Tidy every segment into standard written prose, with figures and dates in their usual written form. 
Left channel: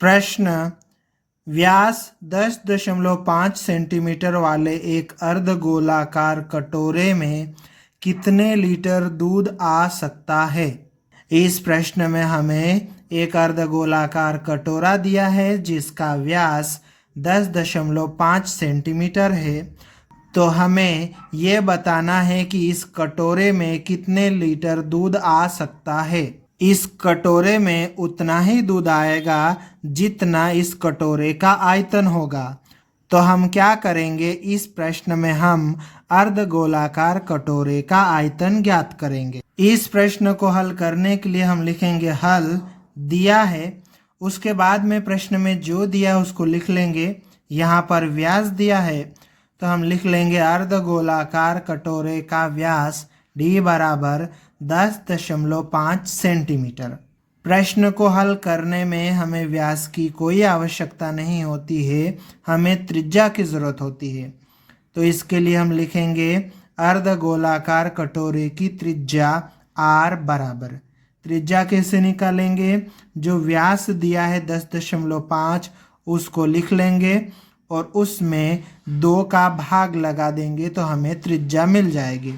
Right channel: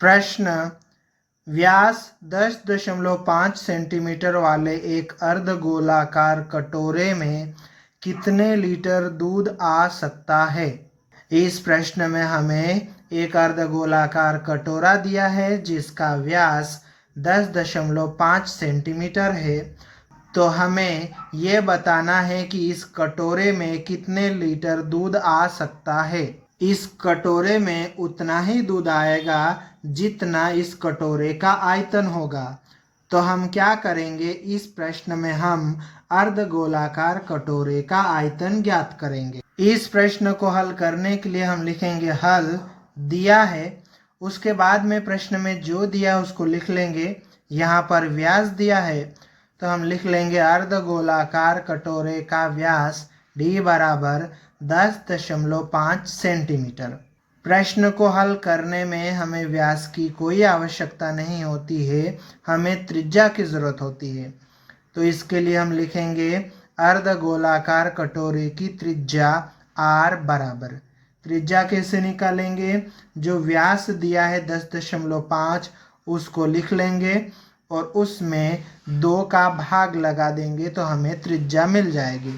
प्रश्न, व्यास 10.5 सेंटीमीटर वाले एक अर्धगोलाकार कटोरे में कितने लीटर दूध आ सकता है। इस प्रश्न में हमें एक अर्धगोलाकार कटोरा दिया है जिसका व्यास 10.5 सेंटीमीटर है। तो हमें ये बताना है कि इस कटोरे में कितने लीटर दूध आ सकता है। इस कटोरे में उतना ही दूध आएगा जितना इस कटोरे का आयतन होगा। तो हम क्या करेंगे, इस प्रश्न में हम अर्धगोलाकार कटोरे का आयतन ज्ञात करेंगे। इस प्रश्न को हल करने के लिए हम लिखेंगे हल दिया है, उसके बाद में प्रश्न में जो दिया है उसको लिख लेंगे। यहाँ पर व्यास दिया है तो हम लिख लेंगे अर्धगोलाकार कटोरे का व्यास d बराबर 10.5 सेंटीमीटर। प्रश्न को हल करने में हमें व्यास की कोई आवश्यकता नहीं होती है, हमें त्रिज्या की ज़रूरत होती है। तो इसके लिए हम लिखेंगे अर्धगोलाकार कटोरे की त्रिज्या r बराबर, त्रिज्या कैसे निकालेंगे, जो व्यास दिया है 10.5 उसको लिख लेंगे और उसमें 2 का भाग लगा देंगे तो हमें त्रिज्या मिल जाएगी।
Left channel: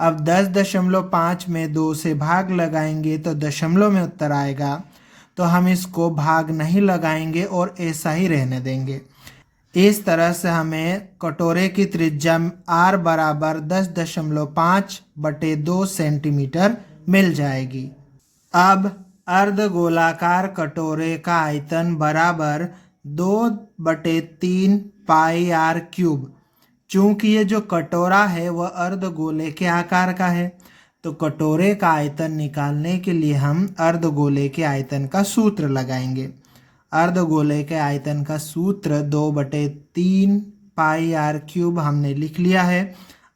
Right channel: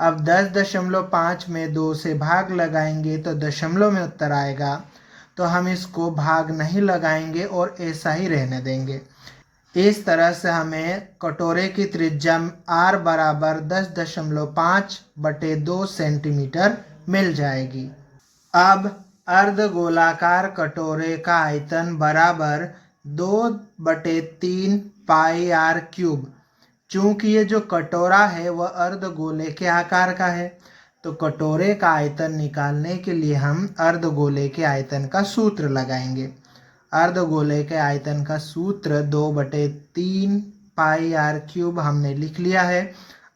अब 10.5 में 2 से भाग लगाएंगे तो दशमलव में उत्तर आएगा, तो हम इसको भाग नहीं लगाएंगे और ऐसा ही रहने देंगे। इस तरह से हमें कटोरे की त्रिज्या r बराबर 10.5/2 सेंटीमीटर मिल जाएगी। अब अर्धगोलाकार कटोरे का आयतन बराबर 2/3 पाई r क्यूब। चूंकि ये जो कटोरा है वह अर्धगोले के आकार का है, तो कटोरे का आयतन निकालने के लिए हम अर्धगोले के आयतन का सूत्र लगाएंगे। अर्धगोले के आयतन का सूत्र 2/3 पाई r क्यूब हमने लिख लिया है।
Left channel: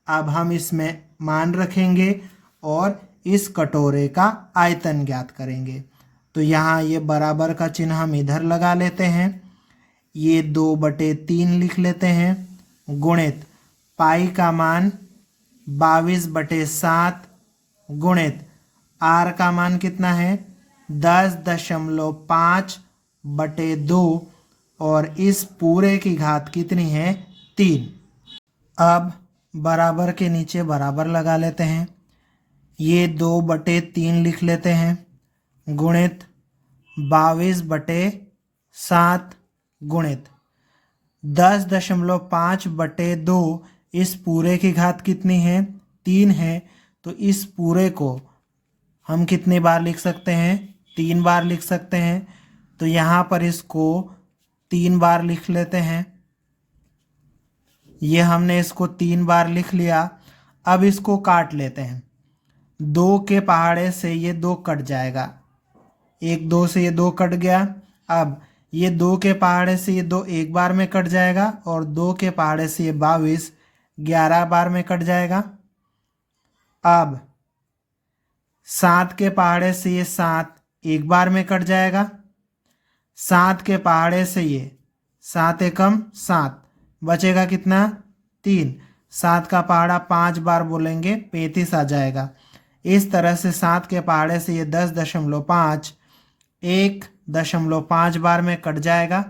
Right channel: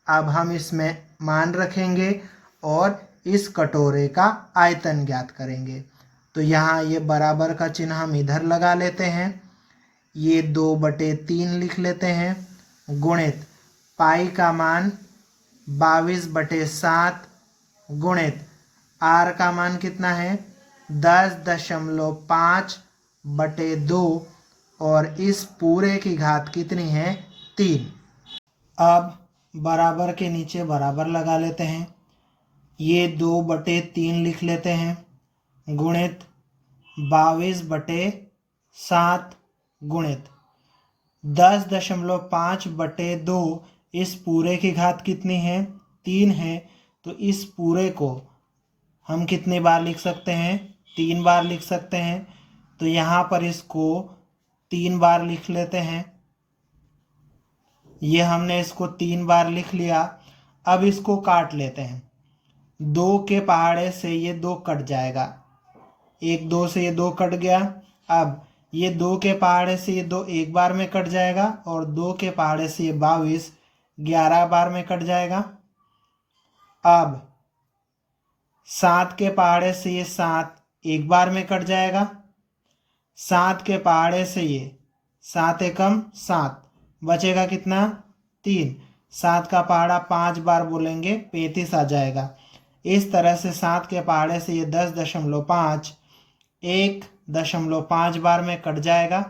अब हम इसमें मान रखेंगे और इस कटोरे का आयतन ज्ञात करेंगे। तो यहाँ ये बराबर का चिन्ह हम इधर लगा लेते हैं, ये 2/3 लिख लेते हैं, गुणित पाई का मान 22/7 गुणित r का मान कितना है 10.5/2 और इस पूरे की घात कितनी है 3। अब बराबर के नीचे बराबर लगा लेते हैं, ये 2/3 लिख लेते हैं, गुणित 22/7 गुणित 10.5/2, इस पूरे की घात कितनी है 3 है। तो इस पूरे को हम कितनी बार लिख सकते हैं 3 बार लिख सकते हैं। तो यहाँ पर इसको 3 बार लिख लेते हैं, ये हमने इसको 3 बार लिख लिया। अब इसको काट लेते हैं, 2 के पहाड़े से ये 2 कट जाएगा, 1 2 से ये 2 कट गया। अब ये 2 के पहाड़े से ये 2 एक बार में कट जाएगा और 2 के पहाड़े से ये 22 11 बार में कट जाएगा। अब 7 के पहाड़े से ये 7 एक बार में कट जाएगा, 7 के पहाड़े से ये 7 एकम 7 बचेगा कितना 3, 7 का पहाड़ा 5 बार बोलेंगे 35 आ जाएगा। इस तरह से 7 के पहाड़े से ये 10.5 1.5 बार में कट जाएगा।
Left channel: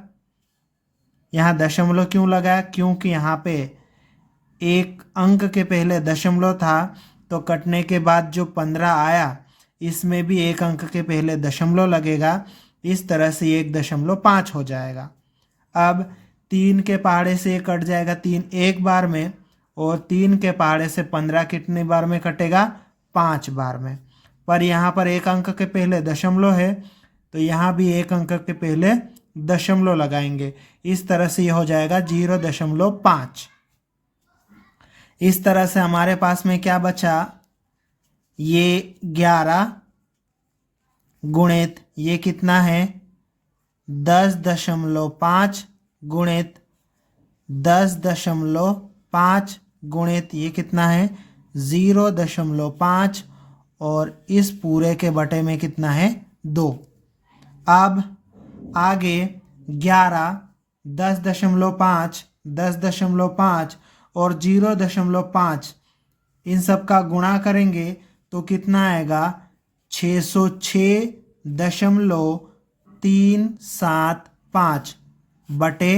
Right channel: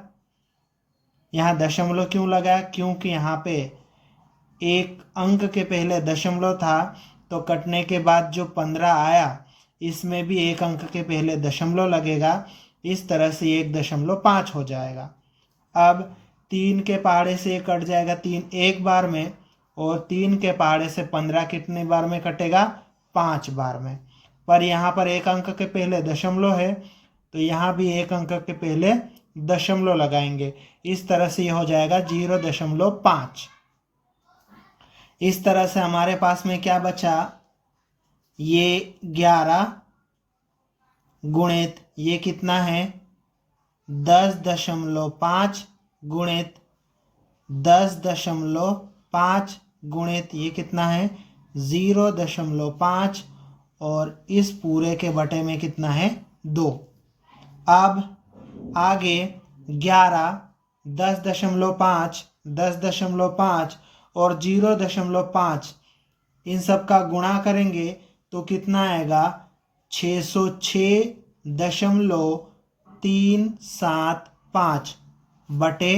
यहाँ दशमलव क्यों लगाया, क्योंकि यहाँ पे एक अंक के पहले दशमलव था, तो कटने के बाद जो 15 आया इसमें भी एक अंक के पहले दशमलव लगेगा, इस तरह से 1.5 हो जाएगा। अब 3 के पहाड़े से ये कट जाएगा 3 एक बार में, और 3 के पहाड़े से 15 कितने बार में कटेगा 5 बार में। पर यहाँ पर एक अंक के पहले दशमलव है, तो यहाँ भी एक अंक के पहले दशमलव लगाएंगे, इस तरह से ये हो जाएगा 0.5। इस तरह से हमारे पास में क्या बचा, ये 11 गुणित ये कितना है 10.5 गुणित 10.5 गुणित ये कितना है 0.5 और इस पूरे के बटे में कितना है 2। अब आगे 11 10.5 10.5 और 0.5 इन सब का गुणा करेंगे तो कितना आएगा 606.5 375 बटे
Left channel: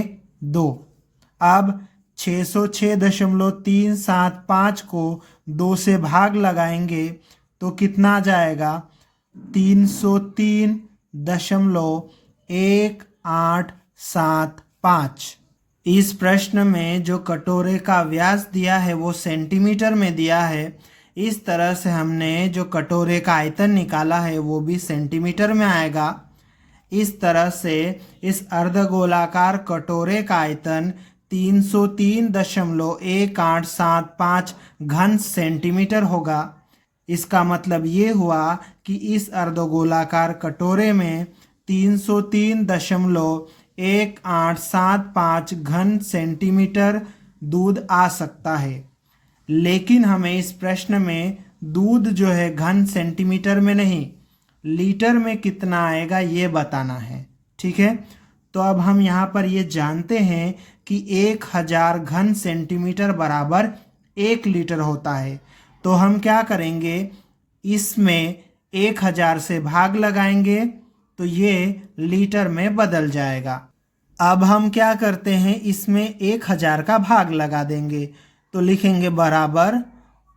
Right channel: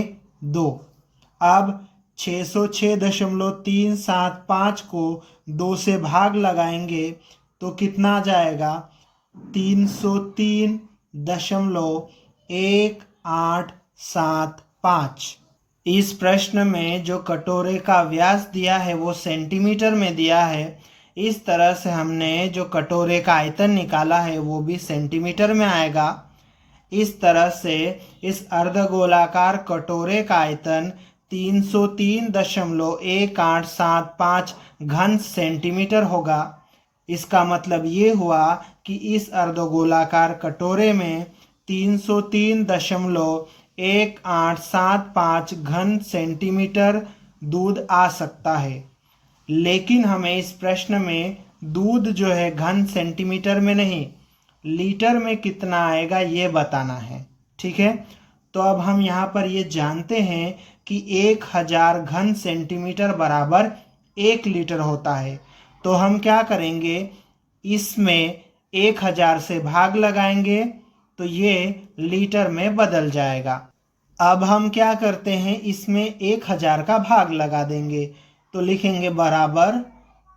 2। अब 606.375 को 2 से भाग लगाएंगे तो कितना आ जाएगा? 303.1875। इस प्रश्न में जो कटोरे का व्यास दिया है वो सेंटीमीटर में दिया है। इस तरह से हमने जो कटोरे का आयतन निकाला है वो भी सेंटीमीटर में आएगा। इस तरह से इस अर्धगोलाकार कटोरे का आयतन 303.1875 घन सेंटीमीटर होगा। इसका मतलब ये हुआ कि इस अर्धगोलाकार कटोरे में 303.1875 घन सेंटीमीटर दूध आ सकता है। लेकिन हमें इस प्रश्न में दूध जो है घन सेंटीमीटर में नहीं, लीटर में कितना आएगा ये बताना है। ठीक है, तो अब हम यहाँ पर ये जानते हैं कि 1000 घन सेंटीमीटर बराबर 1 लीटर होता है। तो हम क्या करेंगे, इसमें 1000 से भाग लगाएंगे तो ये लीटर में बदल जाएगा। अब हम क्या करते हैं, इसमें 1000 का भाग लगा देंगे तो लिखेंगे बराबर,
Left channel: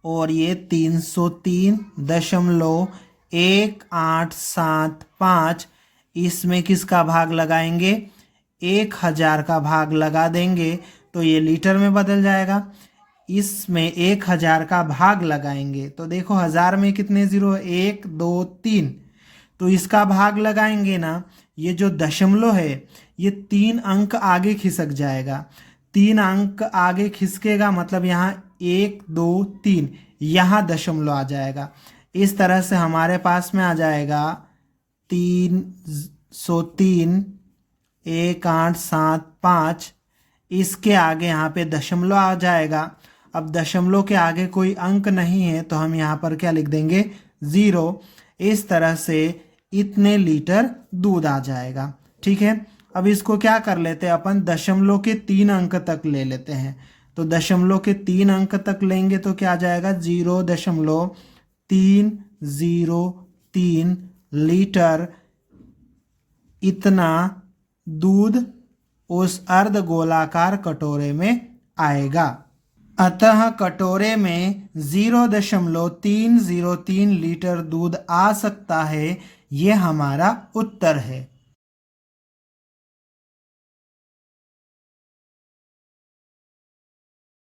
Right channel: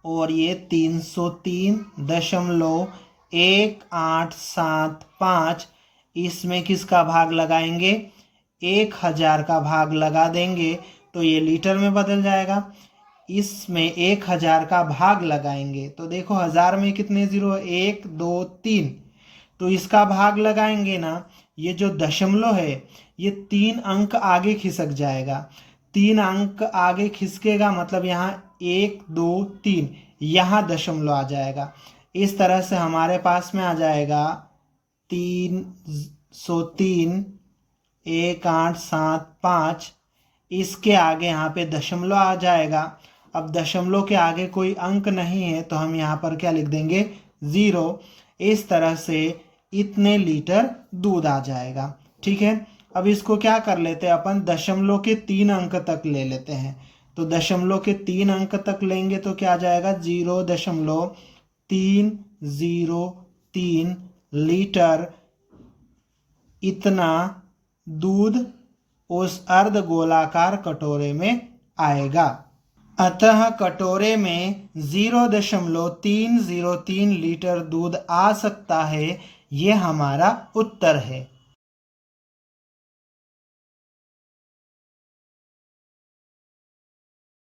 और ये 303.1875, इसमें किसका भाग लगाएंगे? 1000 का भाग लगा देंगे तो ये लीटर में बदल जाएगा। इसमें 1000 का भाग लगाएंगे तो देखो 1000 में कितने जीरो है? 1 2 3। तो इसका भाग लगाएंगे ना, ये जो दशमलव है ये 3 अंक आगे खिसक जाएगा। 3 अंक आगे खिसकेगा मतलब यहाँ 1 2 3, यहाँ दशमलव आ जाएगा। इस तरह से हमारे पास में आ जाएगा 303.1875। इसके आगे यहाँ पे दशमलव आ जाएगा। अब दशमलव के आगे कोई अंक नहीं है तो हम यहाँ पर क्या लिख देंगे? 0। इस तरह से इतने लीटर दूध आ जाएगा। ठीक है, अब इसको क्या कर लेते हैं अपन, दशमलव के 3 अंक तक ले लेते हैं। तो दशमलव के 3 अंक तक लेंगे तो क्या आ जाएगा? 0.303 लीटर इतना दूध उस अर्धगोलाकार कटोरे में आएगा। अतः कटोरे में 0.303 लीटर दूध आ सकता है। ये हमारा उत्तर है।